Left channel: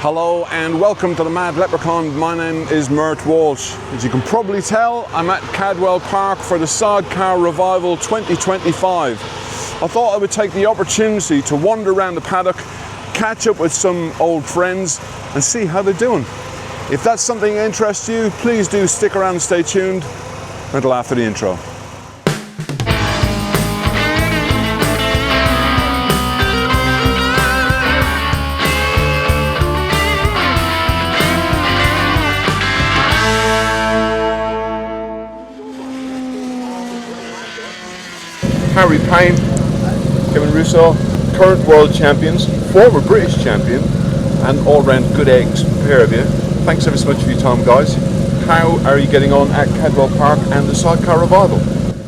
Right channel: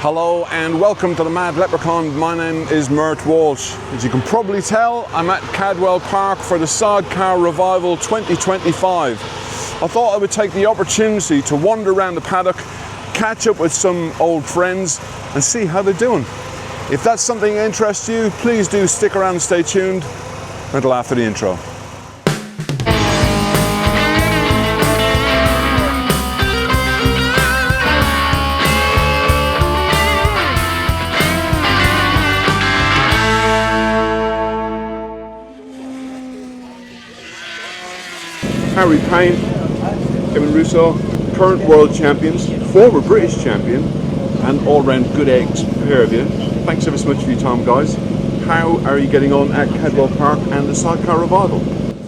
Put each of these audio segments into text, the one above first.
Hello and welcome to the Mad Leprechaun. My name is Mert Walsh. As you can probably tell, I'm at Cadwell Park for the Sidecar Revival 2025. I thought I would take the opportunity to wander around the paddock, catch up with some old friends and see how they're doing. If that's something that interests you, please do stick around and stay tuned until after the intro. Harry Payne, Kevin Russo, current world champions, former British champion, and all-round good eggs pair of you. Thanks ever so much for your time, guys. How are you getting on at Cadwell Park and the Sidecar Revival?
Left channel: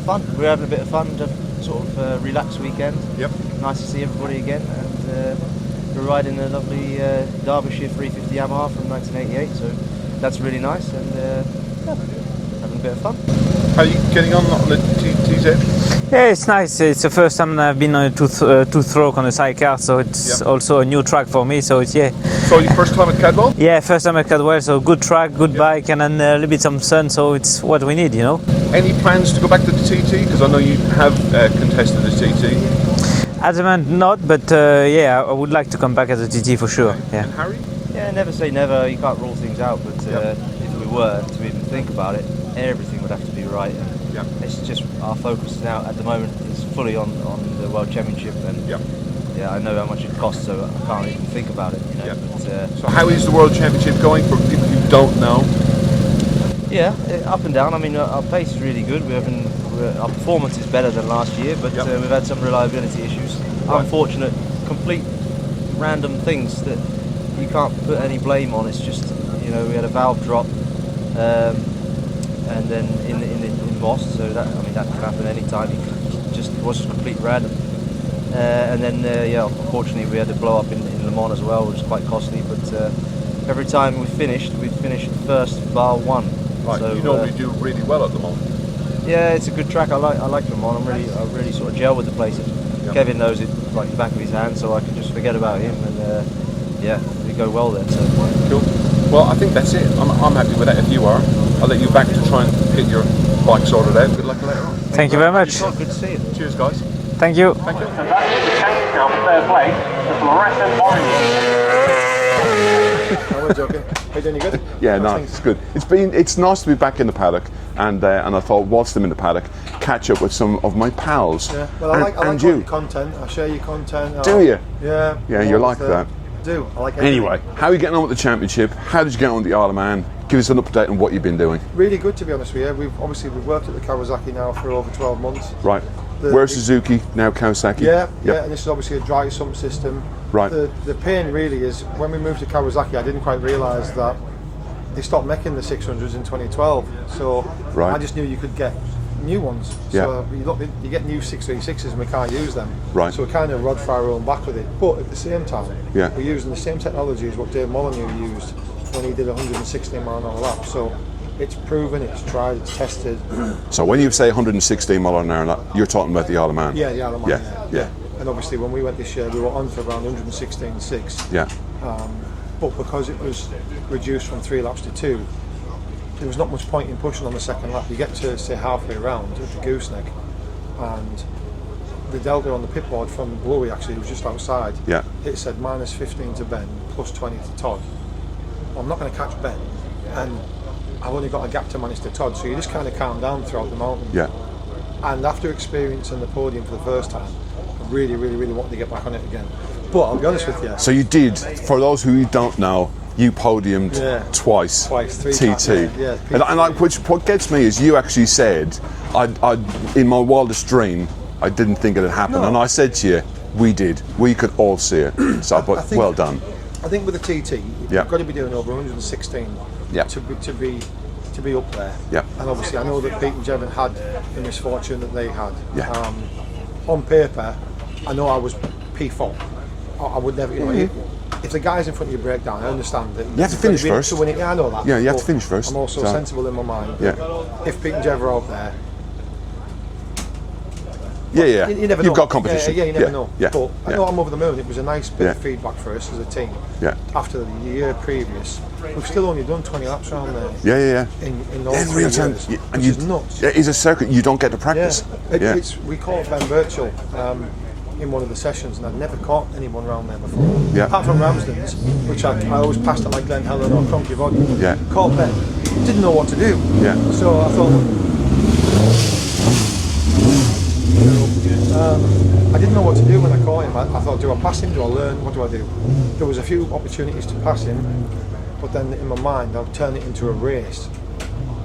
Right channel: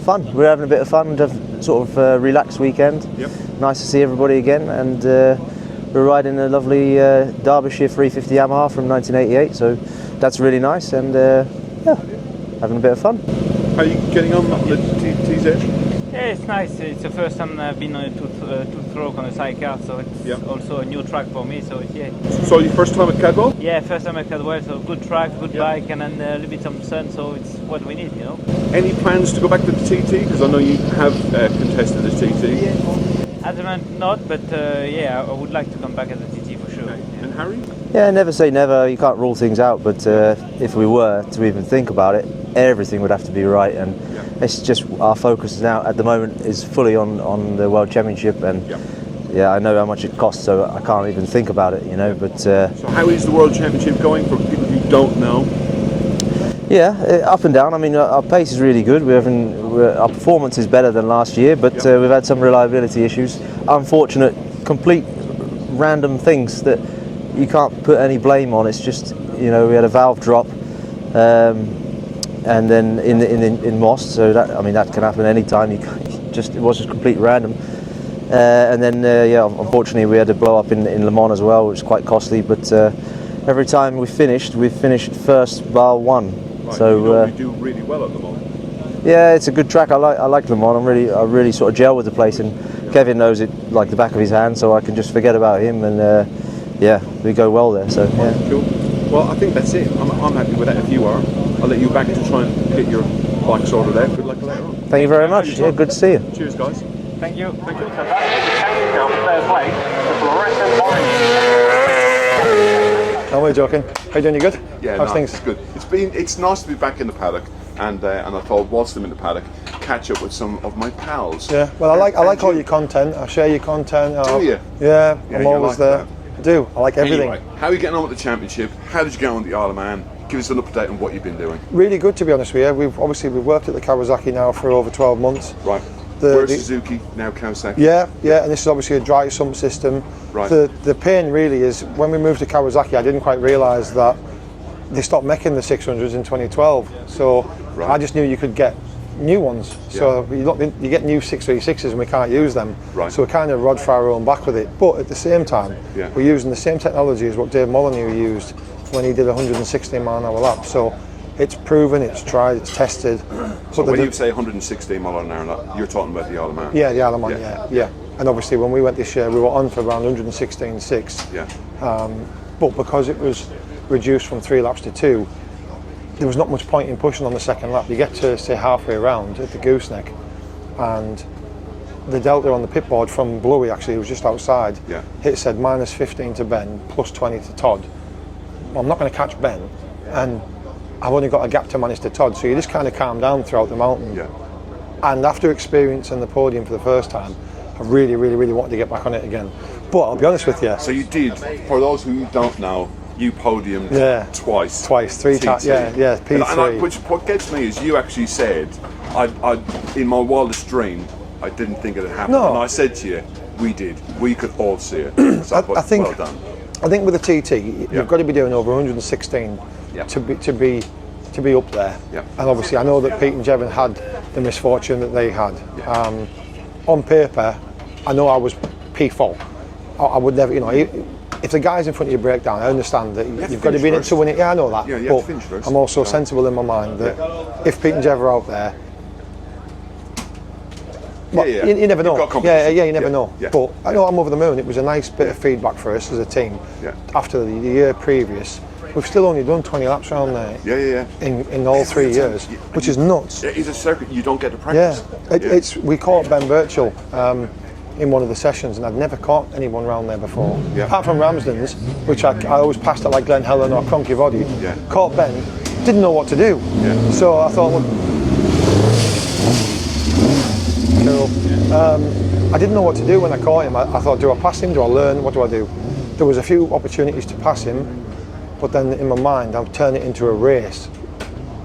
Fun. We're having a bit of fun. Sort of relaxed weekend. Yep. Nice to see everybody again, and we're riding a lovely Derbyshire 350 Yamaha from 1988. So that's really nice, and yeah, having a bit of fun. How are you getting on the TZ? Yeah, it's nice. It's the first time I've been on a two-stroke on a sidecar, so it's also a new track for me. So it's So your first time at Cadwell? Yeah, first time at Cadwell. So good track, good bike, and then a little bit some sun. So it's what we need, you know. Any plans to go back to the TT? Because I know you have contested the TT. Yeah. At the moment, not, but yeah, I would like to come back as a TT for sure. Okay. Yeah. And Harry? Yeah, never say never. You can't rule things out, but if we were to even think about it, everything would have to be right, and it's just our focus now at the moment is fully on the World Championship, and yeah, I know how much it costs, so I can't even think about it, you know. But so how is the World Championship going for people who don't know? Yeah, up and down. I mean, our pace is really good. Our performance is better than last year, but we've had some reliability issues. Unfortunate, complete random things that you can't put any blame on. It's just, you know, we had a valve drop. And then in Moss, so that, I mean, that can happen any time. It was just complete random. And then yeah, unfortunately we had a blow up in Le Mans as well, which is quite costly. But every time we've finished first bar one. Right, so you normally do really well at Le Mans. Yeah, it's a good track. I like Le Mans. I really sort of gel with the place, and Kevin knows it like the back of his hand, so I can just forget about him, and yeah, we go well there. So yeah. Cool. Well, I think that's it. I'm happy with that. If you are, I'll let you back to try and get your bike sorted out. Good luck later on. Thank you very much. Yeah, good to see you. Cheers, guys. Thank you. Thank you. So that is the change now for third place, the fluorescent orange. No, we're joking. How you doing? You good? Yeah, How's no, things? it's good. It's nice to be back in the paddock, and I thought whilst I'm in the paddock, catch up with some of my pals. Yeah. Well, I like all your content. I share your content. Do you? Yeah. Yeah, I'm you always like that. I do. I like everything. Anyway, how are you getting on with the championship? How did you get on with the Isle of Man? Give us an update on what you've been doing. Really good, to be honest with you. We've worked at the Kawasaki now for over 12 months. Right. Where's Suzuki, now Kawasaki? Yeah, and this is obviously a dry sump system. Right. The pain really is, when we moved to Kawasaki, I didn't quite realise that they stopped making the 600s in 2012. So I just knew you could get new ones. So you get new 636s and we can't use them. Right. So we're kind of rod for our own back with it. But at the same time, we're using the same technology as what Dave Molyneux used when he did 116 mile an hour lap. So it's proven, it's tried, it's tested. So when you say 116 mile an hour, you're talking about the Isle of Man? Yeah, the Isle of Man, yeah. And obviously when we went this year, we were on for around 116.6. Yeah. But because it was reduced from 3 laps to 2, there was not much point in pushing on the second lap. You get to, say, halfway around at the gooseneck, and the delta on the pit board from Bluey, actually, it was just outside, it said minus 15 to Ben, plus 20 to Todd. Well, I'm not going to catch Ben, and I've only got a gap to manage to Todd, so you just kind of calm down throughout the mountain. Yeah. And after experiencing the podium for the first time, I really, really, really wanted to get back on it again. But I'll be honest with you. So you did, for those who don't know, you podiumed twice. Twice, 3 times. Yeah, P3. What gets me is you actually said, I in my wildest dream, I didn't think it had happened. No. And I said to you, we did. We could all see it. So I think, well done. I think with the TT, you've got to be doing over 116 to be up there. Yeah. And obviously, I know that Pete and Jevon had the misfortune that they had. Yeah. On paper, I know I was P4. I would never, you know, if the guys in front of you break down, I understand that you have to finish first. To win it. Yeah, I know that. Yeah, you have to finish first. I'm also sensible in my mind that if Pete and Jeff are out there, Yeah, yeah. You never know. You've got competition. Yeah, you never know. Yeah. But I know I'm over the moon. It was a nice bit of feedback for us as a team. Yeah. After the year previous, we've still only done 20 laps around there. Yeah. In all 3 years, which is nuts. It is a circuit you don't get to practice. We caught Ben Birchall in one of the sessions, and I'd never caught anyone around there before. Yeah. Apart from Ramsden's, which I always passed at like Glen Helen or Cronky Body. Yeah. Caught Ben, didn't know what to do. Yeah. So I thought, I didn't know what to do when I caught him. I thought, do I pass him? Do I learn? What do I do? There was a few opportunities to pass him, but then in my mind, I'm turning it into a race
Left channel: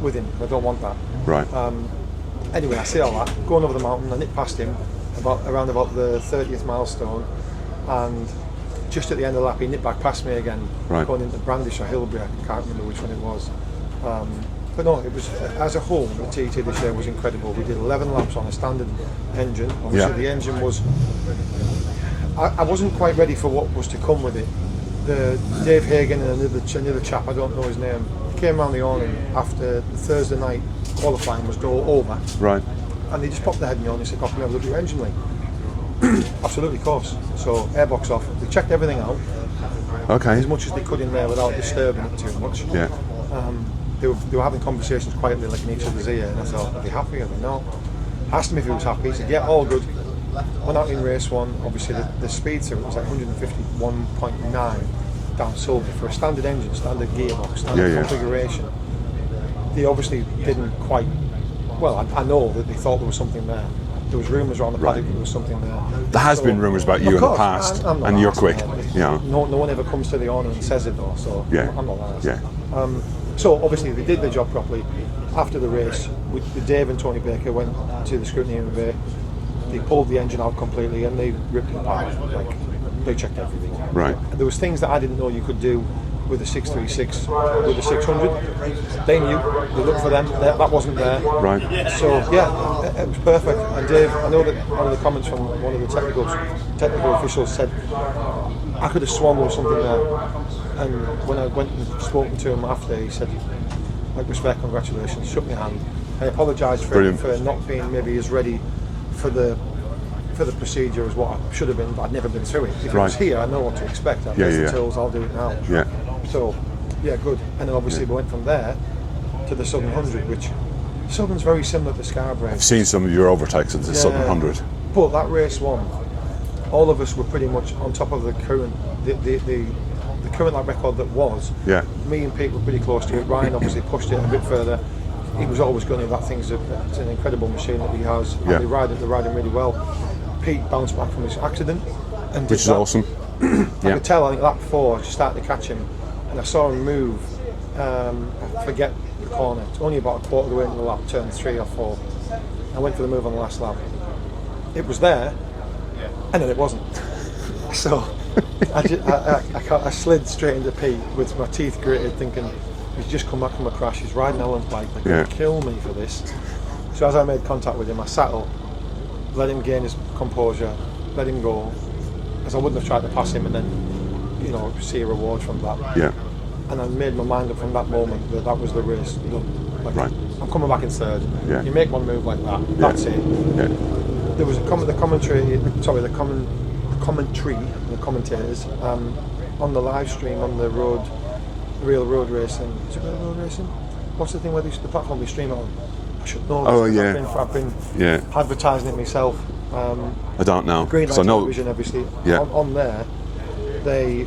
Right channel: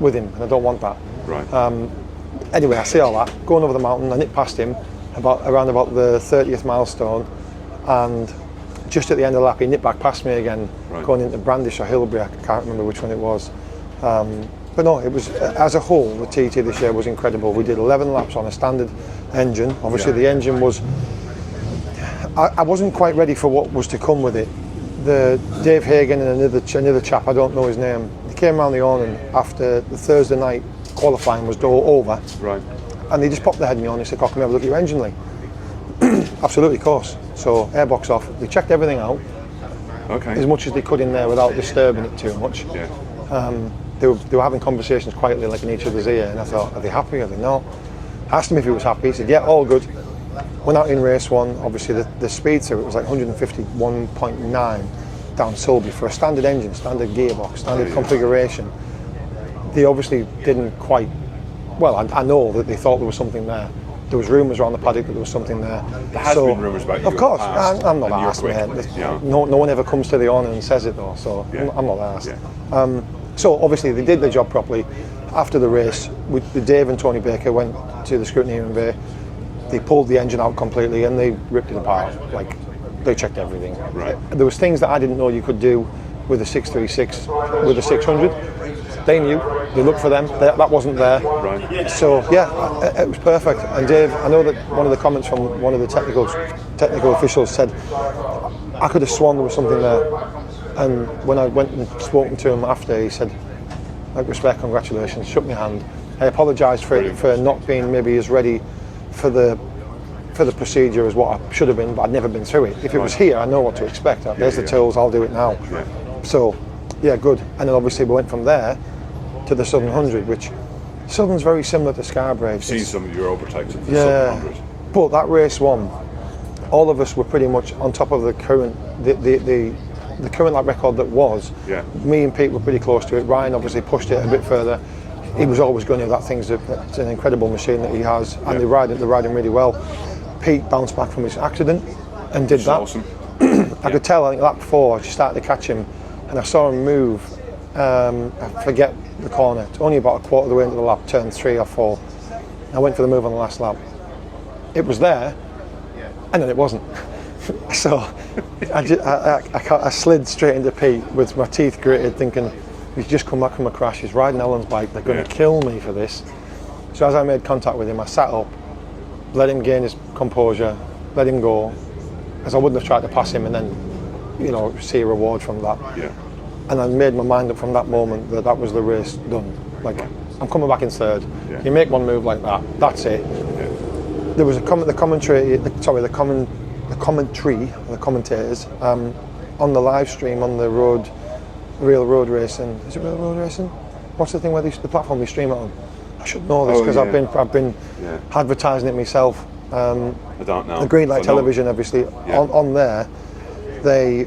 with him, and I don't want that. Right. Anyway, I see all that, going over the mountain, I nipped past him around about the 30th milestone, and just at the end of the lap, he nipped back past me again, going into Brandish or Hilbury, I can't remember which one it was. But no, it was, as a whole, the TT this year was incredible. We did 11 laps on a standard engine. Obviously, the engine was, I wasn't quite ready for what was to come with it. The Dave Hagen and another chap, I don't know his name, he came around the awning after the Thursday night qualifying was over. Right. And they just popped their head in me on and said, "Oh, can we have a look at your engine, Lee?" Absolutely, of course. So airbox off. They checked everything out as much as they could in there without disturbing it too much. Yeah. They were having conversations quietly, like in each other's ear, and I thought, "Are they happy?" I said, "No." Asked him if he was happy. He said, "Yeah, all good." Went out in race one. Obviously, the speed through it was like 151.9 down Sulby for a standard engine, standard gearbox, standard configuration. They obviously didn't quite. Well, I know that they thought there was something there. There was rumours around the paddock that there was something there. There has been rumours about you in the past, I'm not and you're asked, quick. Yeah. No one ever comes to the awning and says it though, so I'm not asked. Yeah. So obviously they did the job properly. After the race, Dave and Tony Baker went to the scrutineering bay. They pulled the engine out completely and they ripped it apart. Like, they checked everything. Right. There was things that I didn't know you could do with a 636, with a 600. They knew. They looked for them. That wasn't there. Right. So yeah, it was perfect. And Dave, I know that one of the comments from one of the technical officials said, "I could have sworn there was something there." And when I went and spoken to him after, he said, "Like, respect, congratulations," shook my hand. I apologised for not being maybe as ready for the procedure as what I should have been, but I'd never been through it. If it was here, I know what to expect. There's the tools, I'll do it now. Yeah. So, yeah, good. And then obviously we went from there to the Southern 100, which Southern's very similar to Scarborough. I've seen some of your overtakes at the Southern 100. But that race one, all of us were pretty much on top of the current, the current lap record that was. Yeah. Me and Pete were pretty close to it. Ryan obviously pushed it a bit further. He was always going to. That thing's it's an incredible machine that he has, and they're riding really well. Pete bounced back from his accident and did Which is that. awesome. I could tell, I think lap 4, I just started to catch him, and I saw him move. I forget the corner. It's only about a quarter of the way into the lap, turn 3 or 4. I went for the move on the last lap. It was there, and then it wasn't. So I slid straight into Pete with my teeth gritted, thinking he's just come back from a crash. He's riding Ellen's bike. They're going to kill me for this. So as I made contact with him, I sat up, let him gain his composure, let him go, as I wouldn't have tried to pass him and then, see a reward from that. Yeah. And I made my mind up from that moment that was the race done. Like, I'm coming back in third. Yeah. You make one move like that, that's it. Yeah. There was the commentary, and the commentators on the live stream on the real road racing. Is it real road racing? What's the thing where the platform we stream it on? I should know this because I've been advertising it myself. I don't know. The Green Light Television, obviously, on there, they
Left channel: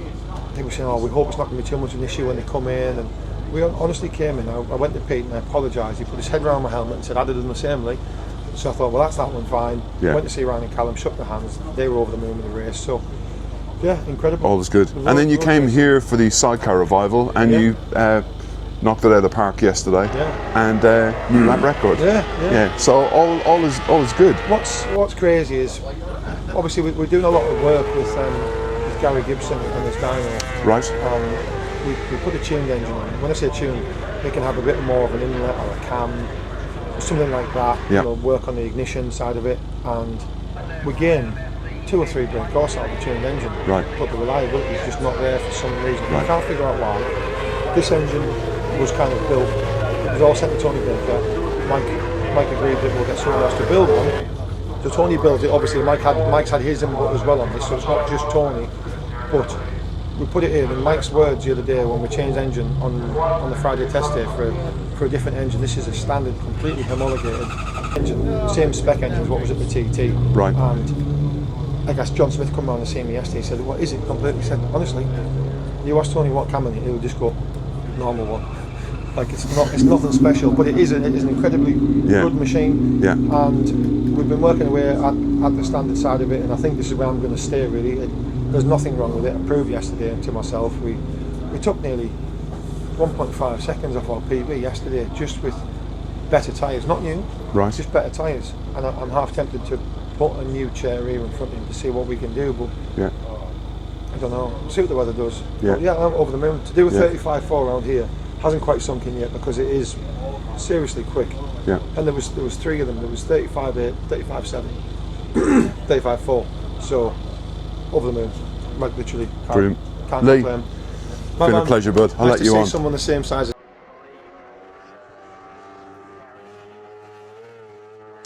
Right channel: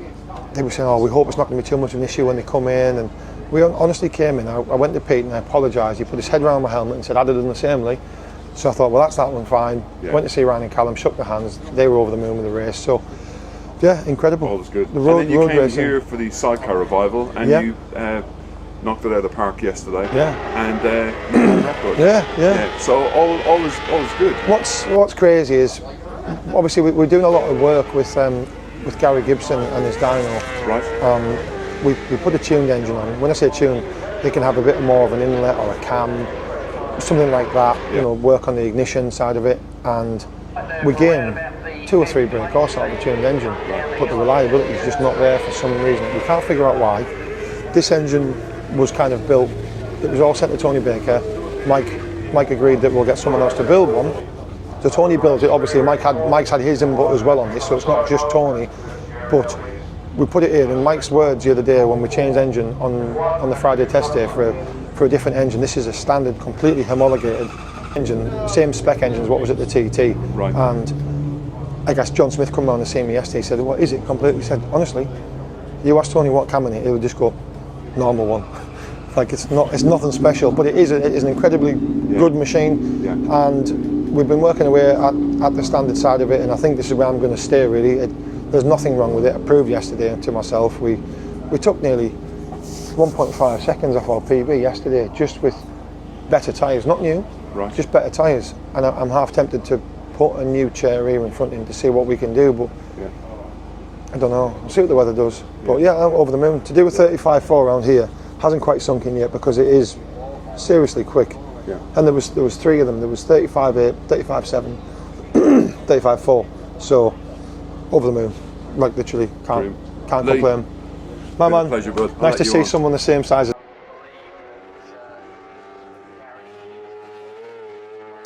were saying, "Oh, we hope it's not going to be too much of an issue when they come in." And we honestly came in. I went to Pete and I apologised. He put his head around my helmet and said, "I'd have done the same, Lee." So I thought, well, that's that one fine. Yeah. Went to see Ryan and Callum, shook their hands. They were over the moon with the race. So, yeah, incredible. All was good. And then you came here for the Sidecar revival, and you knocked it out of the park yesterday. Yeah. And you had record. Yeah. So all is good. What's crazy is, obviously, we're doing a lot of work with Gary Gibson and his dyno. Right. We put a tuned engine on it. When I say tuned, it can have a bit more of an inlet or a cam, something like that. Work on the ignition side of it, and we gain 2 or 3 during the course out of the tuned engine. Right. But the reliability is just not there for some reason. I can't figure out why. This engine was kind of built. It was all sent to Tony Baker. Mike agreed that we'll get someone else to build one. So Tony built it. Obviously, Mike's had his input as well on this, so it's not just Tony. But we put it here in Mike's words the other day when we changed engine on the Friday test day for a different engine. This is a standard, completely homologated engine, same spec engine as what was at the TT. Right. And I guess John Smith come round and see me yesterday. He said, "What is it?" Completely. He said, "Honestly, you ask Tony what cam in it, he'll just go normal one. Like it's nothing special, but it is an incredibly good machine. Yeah. And we've been working away at the standard side of it, and I think this is where I'm going to stay. Really, there's nothing wrong with it. I proved yesterday to myself. We took nearly 1.5 seconds off our PB yesterday just with better tyres, not new, right? Just better tyres. And I'm half tempted to put a new chair here in front of him to see what we can do, but yeah. I don't know. See what the weather does. Yeah. But yeah, I'm over the moon. To do a 35.4 around here hasn't quite sunk in yet because it is seriously quick. Yeah. And there was 3 of them. There was 35.8, 35.7, 35.4. So over the moon, like literally. Can't complain. Been a pleasure, bud. I'll Nice let to you see on. someone the same size as.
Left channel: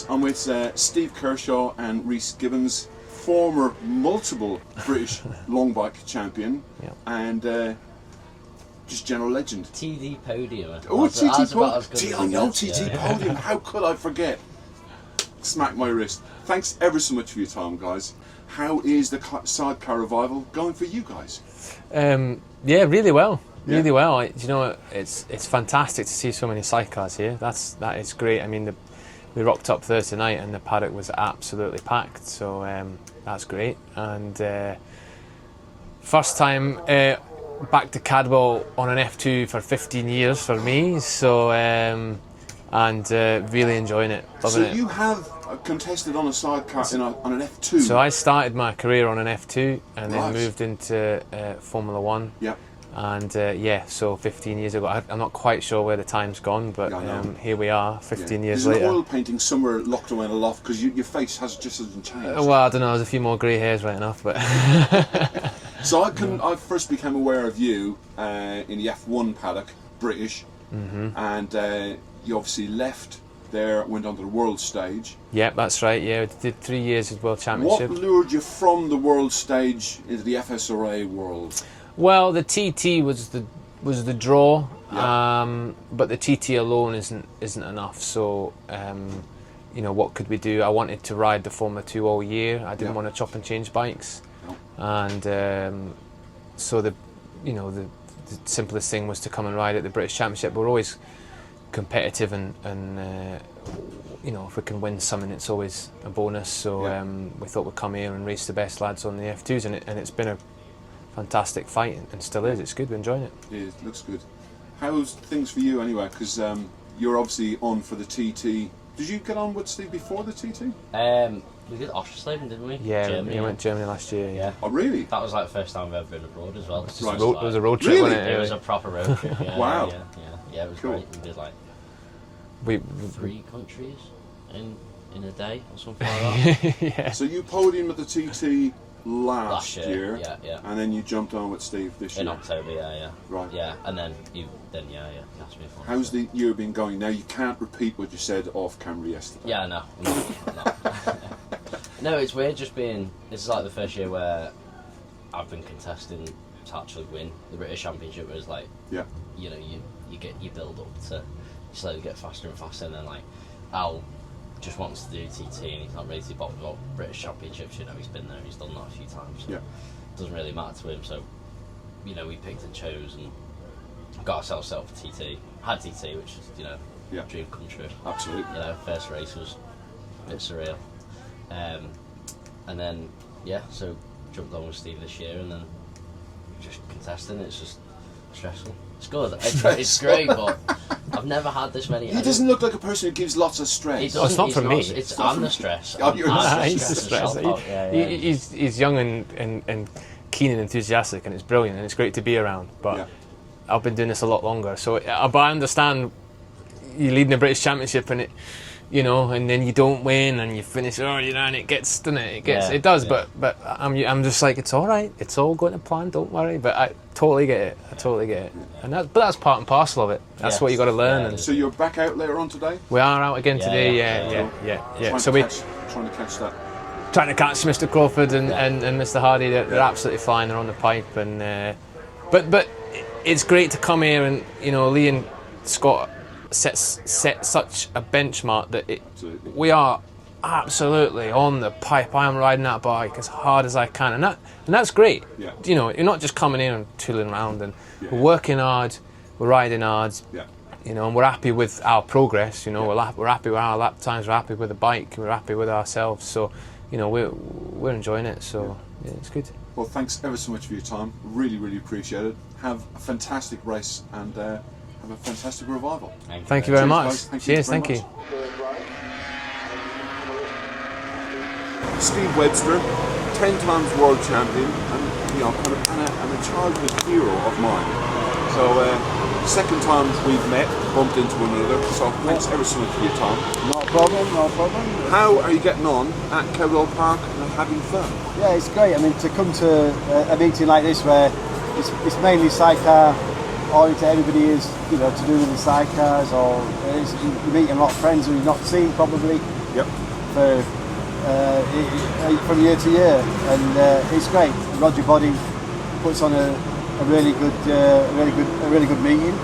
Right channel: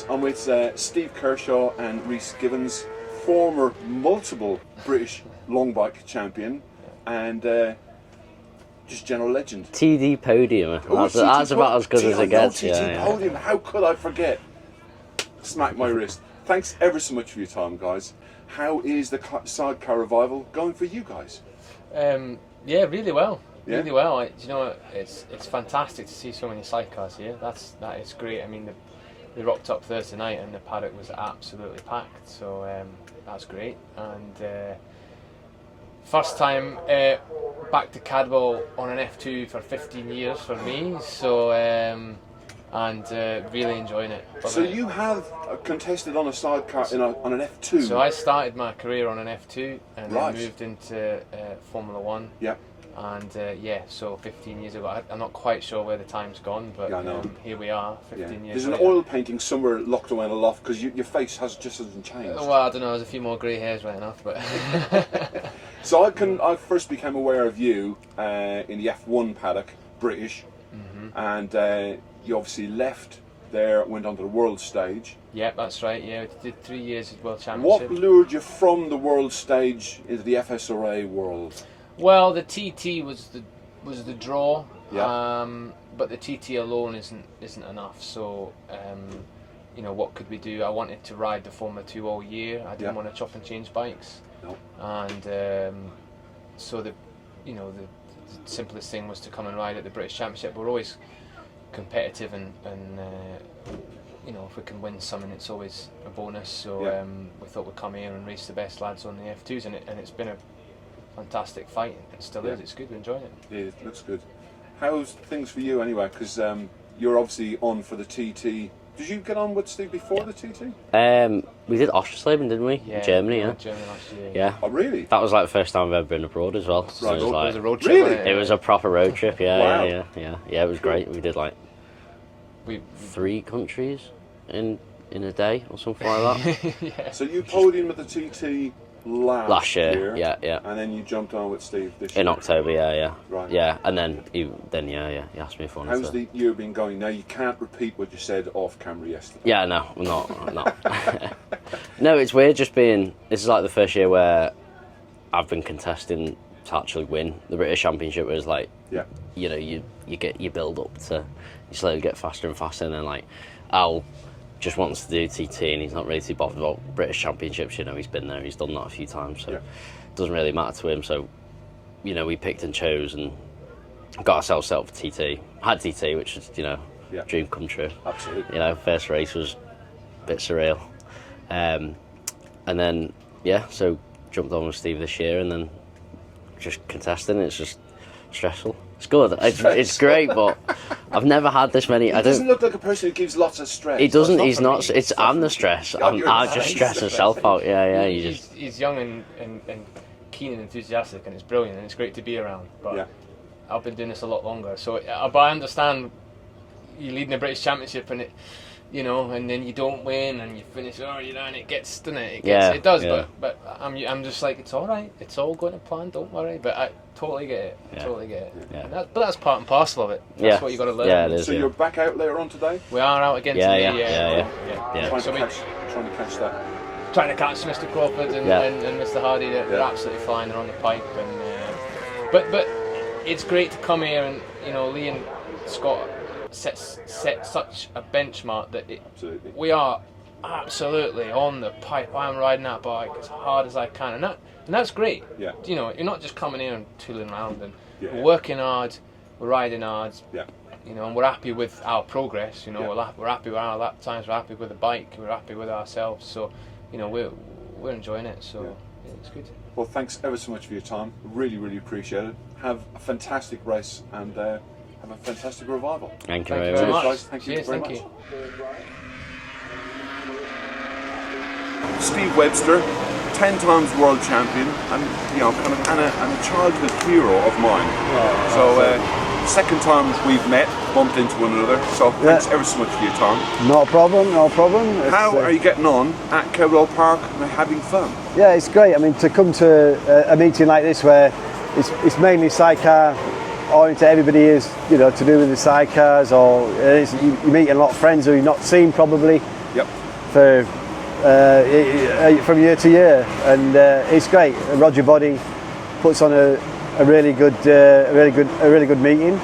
I'm with Steve Kershaw and Rhys Gibbons, former multiple British long bike champion and just general legend. TD podium. Oh, That's about as good as it gets. TT podium. How could I forget? Smack my wrist. Thanks ever so much for your time, guys. How is the Sidecar revival going for you guys? Yeah, really well. Yeah. Really well. You know, it's fantastic to see so many sidecars here. That is great. I mean, they rocked up Thursday night and the paddock was absolutely packed. So that's great. And first time back to Cadwell on an F2 for 15 years for me. So really enjoying it. So you have contested on a sidecar on an F2. So I started my career on an F2 and Right. then moved into Formula One. Yeah. And so 15 years ago, I'm not quite sure where the time's gone, but here we are, 15 years later. later. There's an oil painting somewhere locked away in a loft because your face just hasn't changed. Well, I don't know, there's a few more grey hairs right enough, but... So I first became aware of you in the F1 paddock, British, and you obviously left there, went on to the world stage. Yeah, that's right, yeah, we did 3 years of World Championship. What lured you from the world stage into the FSRA world? Well, the TT was the draw, Yeah. but the TT alone isn't enough. So, what could we do? I wanted to ride the Formula 2 all year. I didn't want to chop and change bikes, and so the simplest thing was to come and ride at the British Championship. We're always competitive, and if we can win something, it's always a bonus. So we thought we'd come here and race the best lads on the F2s, and it's been a fantastic fight and still is. It's good, we're enjoying it. Yeah, it looks good. How's things for you anyway? Because you're obviously on for the TT. Did you get on with Steve before the TT? We did Oschersleben, didn't we? Yeah, Germany. we went to Germany last year. Yeah. Oh, really? That was like the first time I've ever been abroad as well. Right. So It was a road trip. Really? wasn't it was a proper road trip. Yeah. Wow. Yeah. It was great. We did like we 3 countries in a day or something like that. yeah. So you podiumed at the TT last year. Yeah. And then you jumped on with Steve this year. In October, yeah. Right. Yeah, and then he asked me if I wanted How's to. the year been going? Now you can't repeat what you said off camera yesterday. Yeah, no, I'm not. No, it's weird just being. This is like the first year where I've been contesting to actually win the British Championship. Whereas like, you build up to, you slowly get faster and faster, and then like, Al just wants to do TT, and he's not really too bothered about British Championships. He's been there, he's done that a few times, so it doesn't really matter to him. So, we picked and chose and got ourselves set up for TT. I had TT, which is dream come true. Absolutely. First race was a bit surreal. And then, so jumped on with Steve this year, and then just contesting. It's just stressful. It's good. It's great, but I've never had this many. He doesn't look like a person who gives lots of stress. He doesn't. It's he's not not. for me. I'm the stress. Oh, you're I the just stress myself out. Yeah. He's young and keen and enthusiastic, and it's brilliant, and it's great to be around. But I've been doing this a lot longer, so but I understand you leading the British Championship, and you know, and then you don't win and you finish, and it gets, doesn't it? It does, but I'm just like, it's all right, it's all going to plan, don't worry. But I totally get it, and that's part and parcel of it. That's what you got to learn. So you're back out later on today? We are out again today. So we're trying to catch that. Trying to catch Mr. Crawford and Mr. Hardy. They're absolutely fine. They're on the pipe, and but it's great to come here, and you know, Lee and Scott set such a benchmark that we are absolutely on the pipe. I am riding that bike as hard as I can, and that's great. You know, you're not just coming in and tooling around, and we're working hard, we're riding hard. You know, and we're happy with our progress. You know, we're happy with our lap times. We're happy with the bike. We're happy with ourselves. So, you know, we're enjoying it. So it's good. Well, thanks ever so much for your time. Really, really appreciate it. Have a fantastic race and have a fantastic revival. Thank you very much. Cheers, Thank you. Steve Webster, 10 times world champion, and you know, and a childhood hero of mine. So. Second time we've met, bumped into one another, so thanks ever so much for your time. No problem, no problem. How are you getting on at Cadwell Park and having fun? Yeah, it's great. I mean, to come to a meeting like this where it's mainly sidecar oriented, everybody is, you know, to do with the sidecars, or you're meeting a lot of friends who you've not seen probably for from year to year, and it's great. And Roger Body puts on a really good meeting.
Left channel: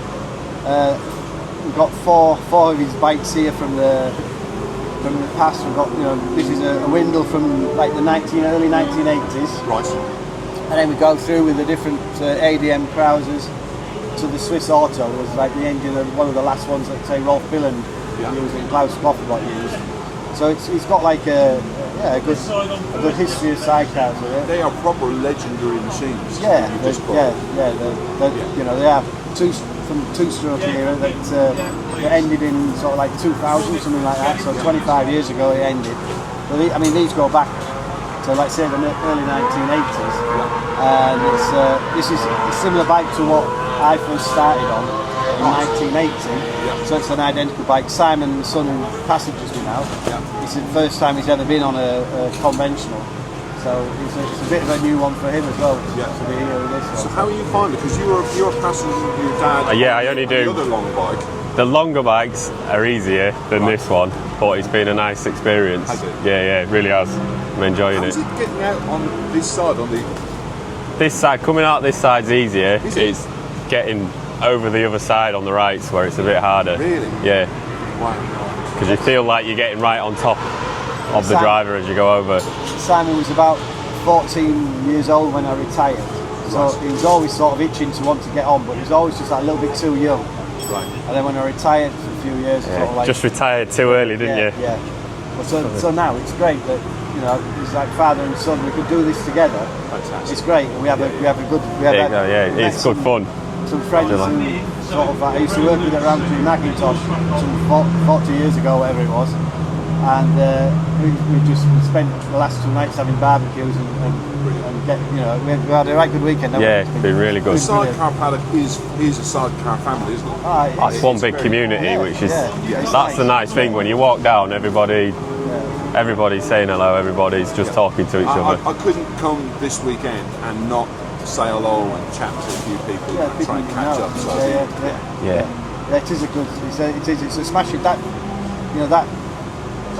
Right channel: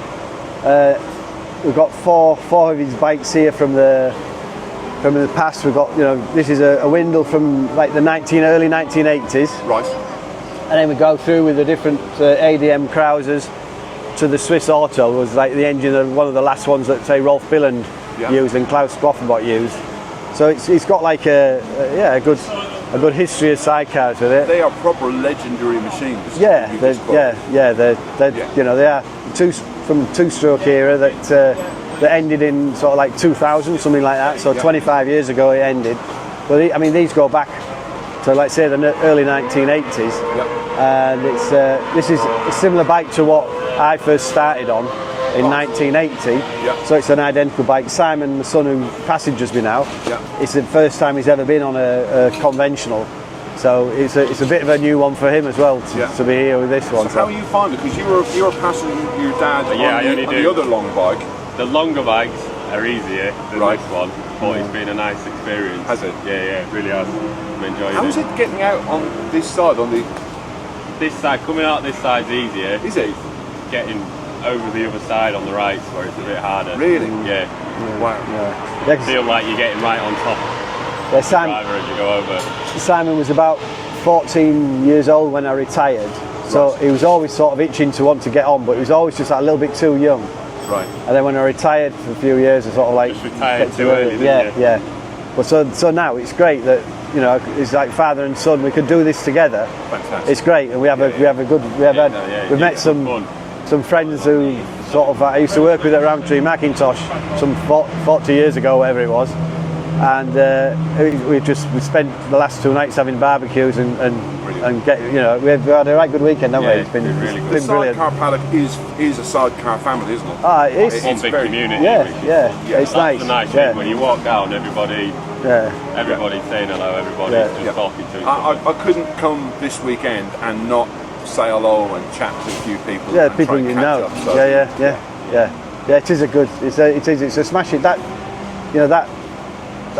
We've got four of his bikes here from the past. We've got, you know, this is a Windle from like the early 1980s. Right. And then we go through with the different ADM Krausers to the Swiss Auto was like the engine of one of the last ones that say Rolf Billen used and Klaus Kloppenbach used. So it's got like a good history of sidecars with it. They are proper legendary machines. They you know, they are two-stroke era that ended in sort of like 2000, something like that. So 25 years ago it ended. But I mean, these go back to, like say, the early 1980s. And this is a similar bike to what I first started on in 1980. So it's an identical bike. Simon, the son who passengers been out, it's the first time he's ever been on a conventional. So it's a bit of a new one for him as well to be here with this one. So how are you finding it? Because you were passenger with your dad on the other long bike. The longer bikes are easier than this one, but it's been a nice experience. Has it? Yeah, it really has. I'm enjoying it. How is it getting out on this side? This side, coming out this side's easier. Is it? It's getting over the other side on the right where it's a bit harder. Really? Yeah. Wow. Because you feel like you're getting right on top of the driver as you go over. Simon was about 14 years old when I retired, so he was always sort of itching to want to get on, but he was always just a little bit too young. Right. And then when I retired for a few years, I sort of like just retired too early, didn't you? Yeah. But so now it's great that, you know, it's like father and son. We can do this together. Fantastic. It's great, and we have a good. We've met it's good fun. Some friends who sort of I used to work with at Roundtree Macintosh some 40 years ago, whatever it was, and we spent the last 2 nights having barbecues and get, you know, we had a right good weekend. It's been really good. The Sidecar paddock is a sidecar family, isn't it? It's one big community, which is that's the nice thing. When you walk down, everybody's saying hello. Everybody's just talking to each other. I couldn't come this weekend and not say hello and chat to a few people. Yeah, people you know. It is a good. It's a smashing. That, you know, that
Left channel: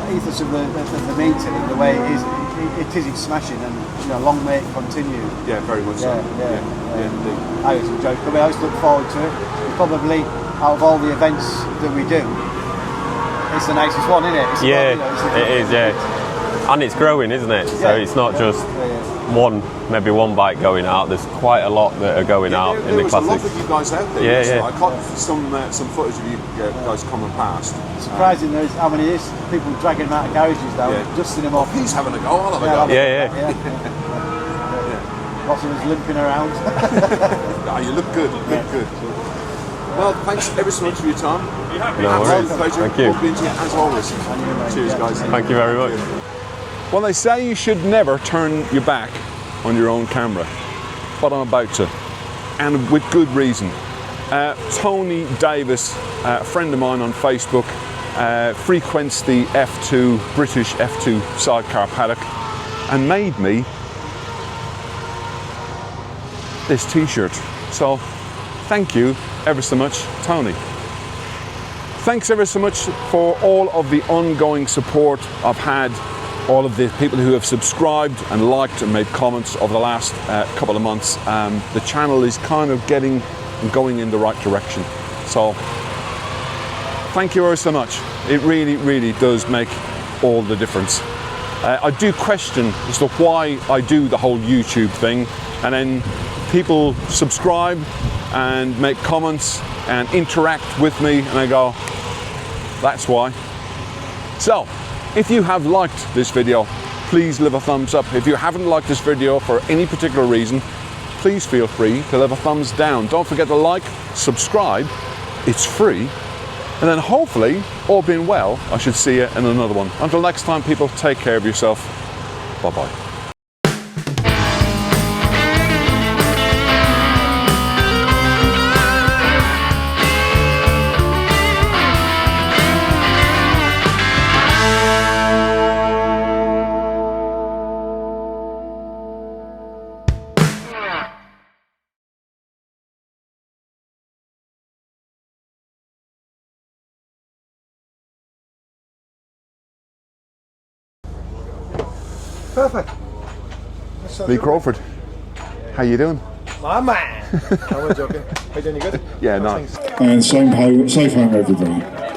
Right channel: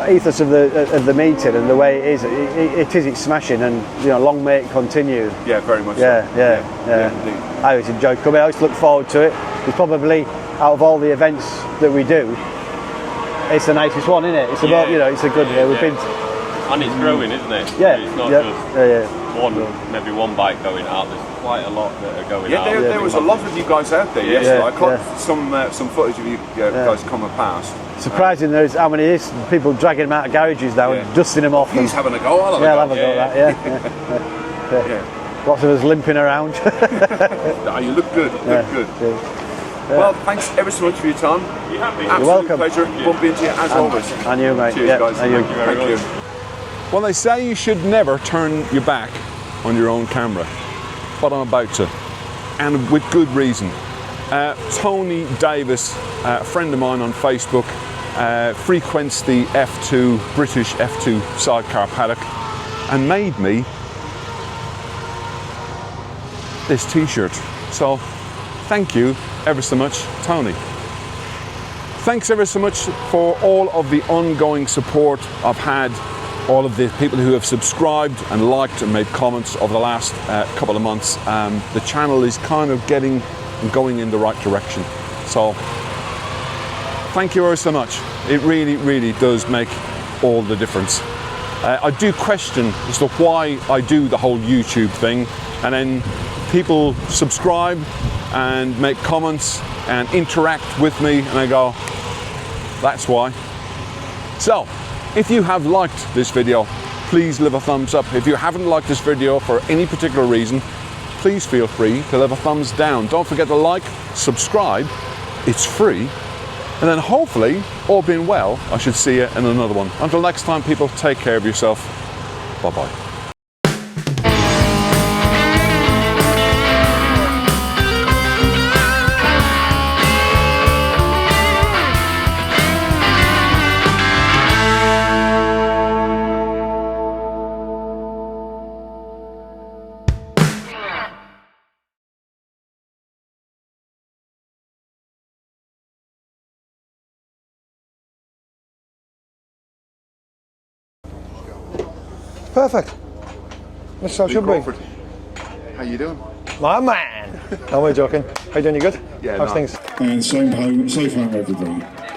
ethos of the meeting and the way it is. It is smashing, and you know, long may it continue. Yeah, very much. Yeah. I always enjoy coming. I always look forward to it. It's probably out of all the events that we do, it's the nicest one, isn't it? It's it's a good. It is, and it's growing, isn't it? So it's not just maybe one bike going out. There's quite a lot that are going out. There was a lot of you guys out there yesterday. I caught some footage of you guys coming past. Surprising there's how many people dragging them out of garages now, dusting them off. He's having a go. I'll have a go. Lots of us limping around. You look good. Good. Well, thanks ever so much for your time. Absolute pleasure. Hope to you as always. And you, mate. Cheers, guys. Thank you very much. Well, they say you should never turn your back on your own camera, but I'm about to, and with good reason. Tony Davis, a friend of mine on Facebook, frequents the F2, British F2 sidecar paddock, and made me this t-shirt. So thank you ever so much, Tony. Thanks ever so much for all of the ongoing support I've had, all of the people who have subscribed and liked and made comments over the last couple of months. The channel is kind of getting and going in the right direction. So thank you ever so much. It really, really does make all the difference. I do question as to why I do the whole YouTube thing, and then people subscribe and make comments and interact with me, and I go, that's why. So, if you have liked this video, please leave a thumbs up. If you haven't liked this video for any particular reason, please feel free to leave a thumbs down. Don't forget to like, subscribe, it's free. And then hopefully, all being well, I should see you in another one. Until next time, people, take care of yourself. Bye-bye. Perfect. That's so Lee good, Crawford, how you doing? my man. No, we're joking. How you doing? You good? Yeah, How's no. things? And safe home everybody.